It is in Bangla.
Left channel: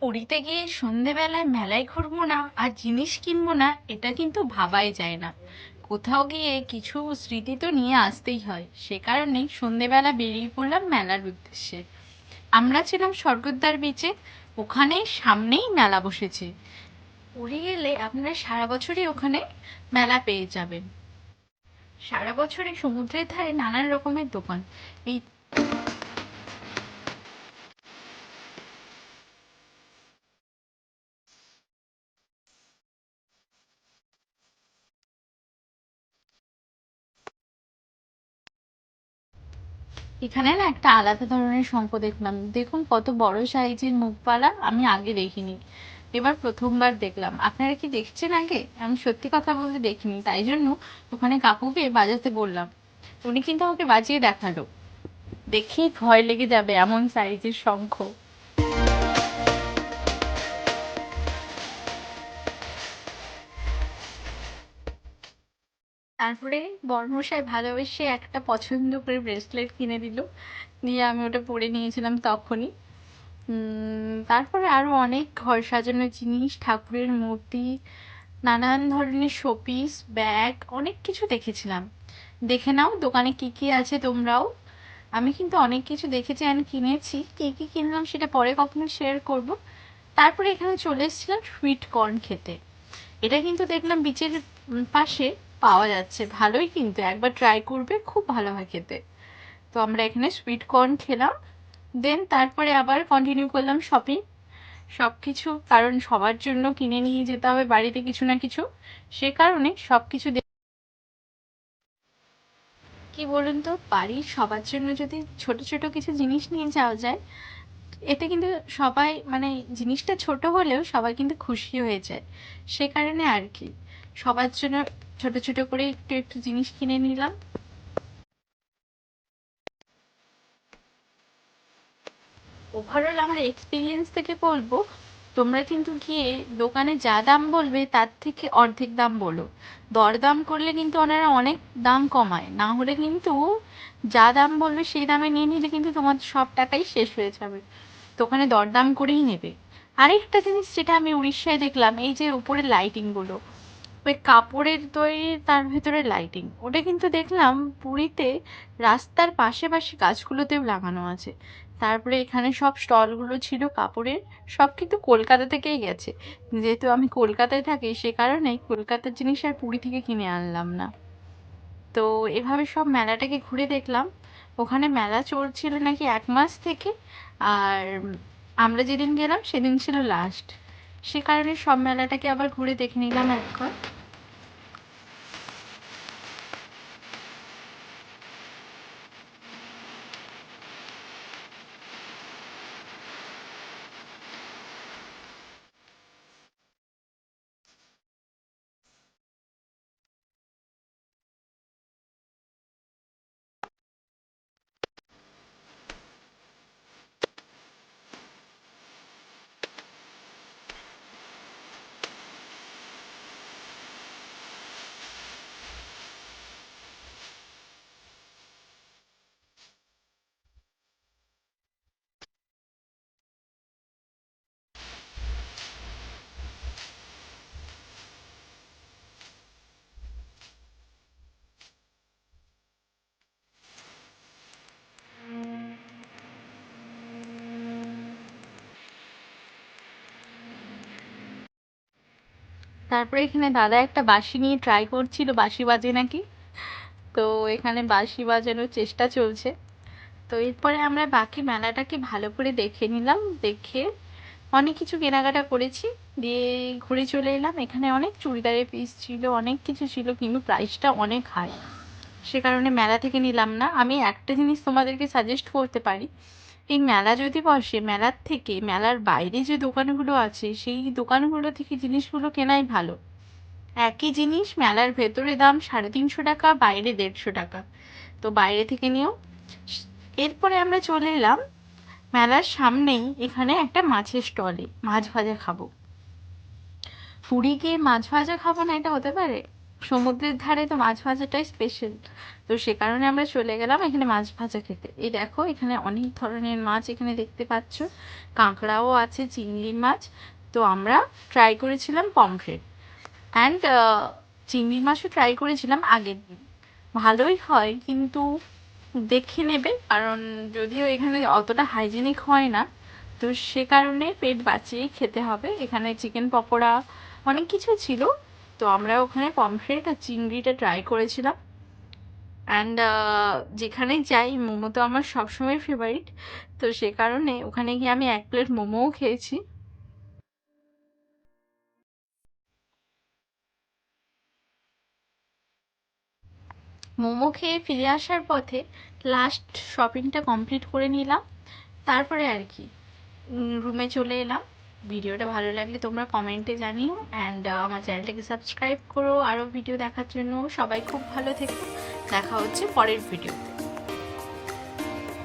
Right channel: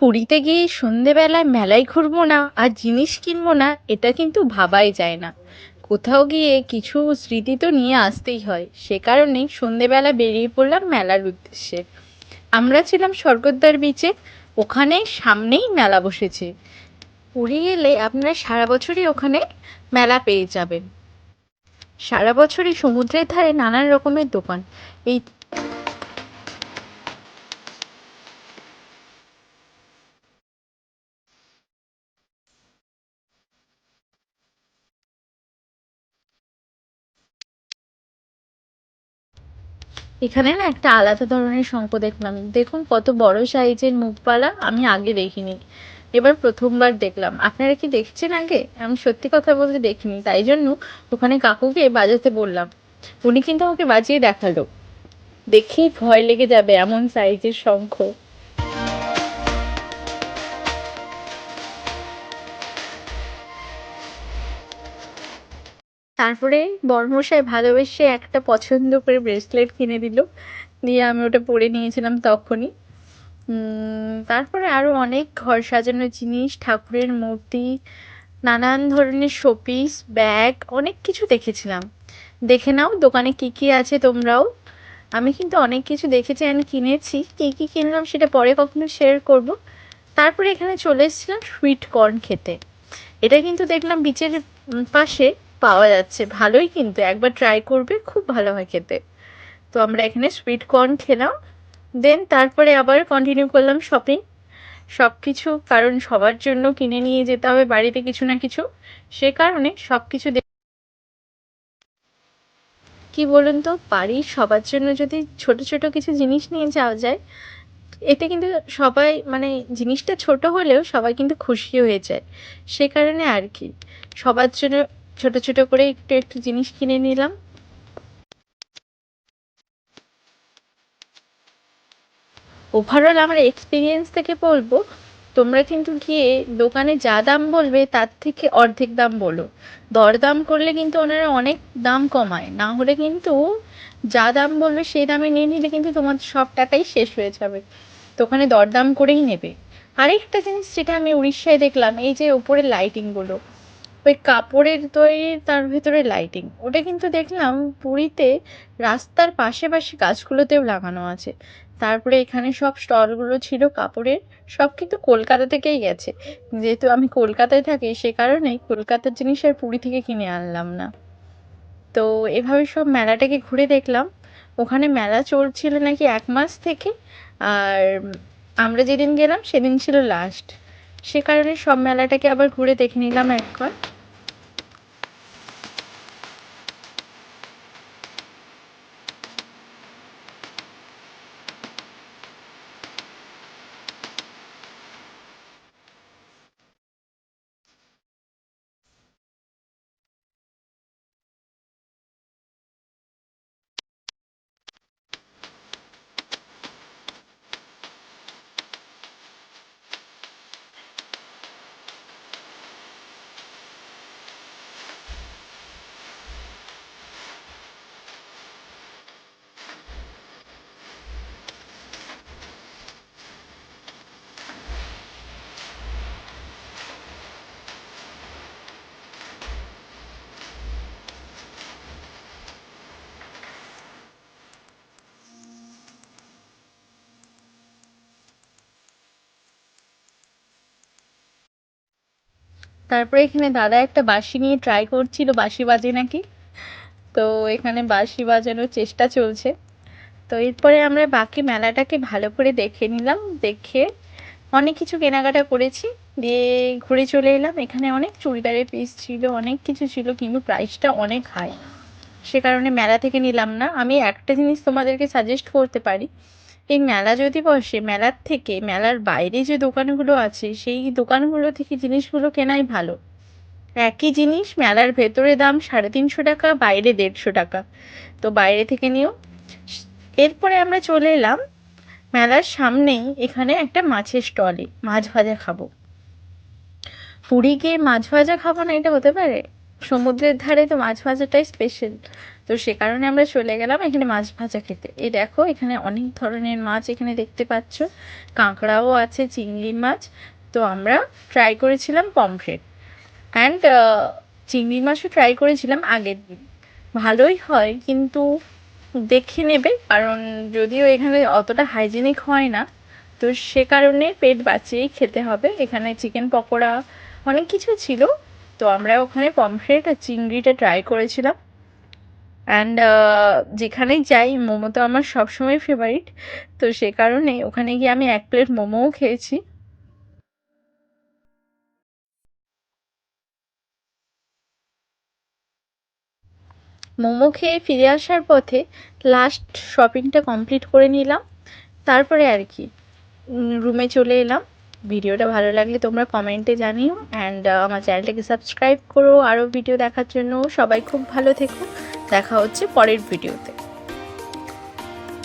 পুরীতে গিয়ে সন্ধেবেলায় মেলায় ঘুরবো না আর জিনিস কিনবো না, এটা কিন্তু ভাবাই যায় না। কোথাও গিয়ে কিছু স্মৃতি তো নিয়ে আসতেই হয়, সে কারণেই সন্ধেবেলা বেরিয়ে পড়লাম মেলার উদ্দেশ্যে। আমরা ছিলাম স্বর্গদ্বার বিচে, ওখানে সামনেই মেলা বসেছে। পুরী গেলে আপনারা সারা বছরই ওখানে মেলা পেয়ে যাবেন। সারা বছরই সমুদ্রের ধারে নানান রকমের দোকান। এই এখানে না একটা আলাদা ধরনের শঙ্খ দেখলাম, দেখুন কত বড় সাইজের মুখবালা, আমি আগে দেখিনি, এবার প্রথমবার দেখলাম। আপনারা কি দেখছেন আগে? আমি সত্যি কথা বলতে দেখিনি, তাই জন্য ওখানে কাকুকে বাজাতে বললাম। উনি কিন্তু আমাকে বাজিয়ে দেখালো, দেখেই ভয় লেগে যাবে এমন সাইজের শঙ্খ। তারপরে বরমশাই ভালোবেসে একটা পছন্দ করে ব্রেসলেট কিনে দিল, দিয়ে আমি ওটা পরে নিয়েছিলাম তখনই। তারপরে আরো অনেক ঘর সাজানোর জিনিস, ঠাকুরের মূর্তি, নানান ধরনের শোপিস, ব্যাগ, অনেক কিছু দেখেছিলাম। দেখে নাও দোকানে কি কি আছে তোমরাও। আমি কিন্তু অনেক কিছু দেখেছি and কিনেছি, কি কি কিনলাম সেটা পরে কখনো শেয়ার করব। তারপরে এখানে চলে এসেছিলাম সুইট কর্ন খেতে। এটা কিন্তু দেখলাম বিচের পাশে পাওয়া যাচ্ছে, ভালোই, কিন্তু একবার ট্রাই করবে, খুব ভালো হয় খেতে। তো আমরা এখানে সুইট কর্ন খেলাম, দেন তারপরে আবার কন্টিনিউ করলাম শপিং। সবকিছু, কারণ সবার জন্য কিনে নিয়ে যেতে হবে বাড়িতে কিছু না কিছু, সে কারণে সবকিছু কি বলুন তো, বাড়ির সবার জন্য যদি ছোট ছোট কিছু জিনিস নিয়ে যাওয়া যায়, এতে কিন্তু সবাই, মানে জিনিসটা ছোট হলেও সবাই কিন্তু খুশি হয়ে যায়। সে কারণে আর কি, সবার জন্য ছোট ছোট করে একটু একটু জিনিস কিনে নিলাম। ওভারঅল আমার এক্সপিরিয়েন্স থেকে বলবো, তোমরা কিন্তু গিয়ে দোকানে যা দাম বলবে তার থেকে অর্ধেক দাম বলো। দরদাম করলে কিন্তু ওনারা অনেক দাম কমায়, না হলে কিন্তু যা দাম বলবে সেই দামে নিয়ে নিলে কিন্তু তোমার সব টাকাই শেষ হয়ে যাবে। তো ওখানে দরদাম করেই নেবে। আরেকটা জিনিস যেটা আমি উড়িষ্যায় দেখলাম, এই যে উপরে লাইটিংগুলো, ওই কাপড়ের তৈরি, তার ভেতরে লাইটিং, ওটা কিন্তু দেখলাম পুরীতে রাস্তার পাশে পাশে গাছগুলোতেও লাগানো আছে। তারপরে এখানে সব স্টলগুলো ছিল কাপড়ের, সব কিন্তু কলকাতা থেকেই গেছে। যেহেতু আমি কলকাতায় থাকি, সে কারণেই কলকাতার জিনিস আর পুরী থেকে কিনে আনলাম না। তো এভাবে সব মেলাটাকে ঘুরে দেখলাম। ওখানে মেলা চলছিল নাকি 1 মাস থেকে, আর আমরা যেদিন গেলাম সেদিন ছিল লাস্ট, সে কারণে সব মেলাটাকে আবার ঘুরে দেখে নিলাম একবার। তারপরে এখানে দাদা একটা বাঁশি নিয়ে ট্রাই করছিল, বাঁশি বাজে নাকি। তো এখানে বাঁশি বাজানোর চেষ্টা চলছে। তো এরপরে আমরা বাকি মেলাটাকে ভালো করে দেখে নিলাম, দেখে অনেক কিছু কেনাকাটা করেছি, দিয়ে ঘুরে চলে এলাম। এখানে অনেক চুড়িদারের পিস ছিল, অনেক কিছু ছিল, কিন্তু প্রাইসটা অনেক হাই, সে কারণে মেলা থেকে নিলাম না। আমি একটা জিনিস তোমাদেরকে সাজেস্ট করতে পারি, এই মেলা যদি বসে, মেলার থেকে মেলার বাইরে যে দোকানগুলো আছে সেই দোকানগুলো থেকে জিনিসগুলো কেনাই ভালো। একই জিনিস মেলার ভেতরে দাম 350 টাকা, বাইরে 150 টাকা। তো বাইরে থেকে নিও। এরপরে আমরা চলে এলাম মেলার সামনেই এখানে একটা মাছের স্টলে, মাছ ভাজা খাবো। পুরী গিয়ে মাছ ভাজা খাবো না, এটা হতে পারে? সমুদ্রের ধারে তো মাছ ভাজাটাই স্পেশাল। তো সে কারণে আমরা চলে গেলাম এখানে মাছ ভাজা খেতে। এই দেখো এখানে অনেক ধরনের মাছ এখানে দেখতে পাচ্ছ, কাঁকড়াও আছে, চিংড়ির মাছ। তো আমরা ট্রাই করেছিলাম পমফ্রেট অ্যান্ড চিংড়ির মাছও ট্রাই করেছিলাম আগের দিন। ভালোই হয়, কিন্তু দেখে নেবে, কারণ যদিও এখানে অতটা হাইজেনিক হয় না, তো সে কারণে পেট বাঁচিয়েই খেতে হবে। এখানে চিকেন পকোড়া অনেক কিছু ছিল। তো আমরা ওখানে পমফ্রেট আর চিংড়িটা ট্রাই করেছিলাম। অ্যান্ড যেখানেই যাই মোমো তো আমার সবসময় ফেভারিট। তো সে কারণে ওখানে গিয়ে আমি 1 প্লেট মোমোও খেয়েছি। মোমো খেয়ে ফিরে আসার পথে লাস্ট শপিংটা কমপ্লিট করে নিলাম। তারপরে আর কি রুমে চলে এলাম। ভিডিওটা ভালো লাগলে তোমরা কমেন্টে জানিও, অ্যান্ড আমার চ্যানেলটাকে সাবস্ক্রাইব করো আরও ভিডিও দেখার জন্য। সবাই খুব ভালো থেকো, দেখা হচ্ছে পরের ভিডিওতে।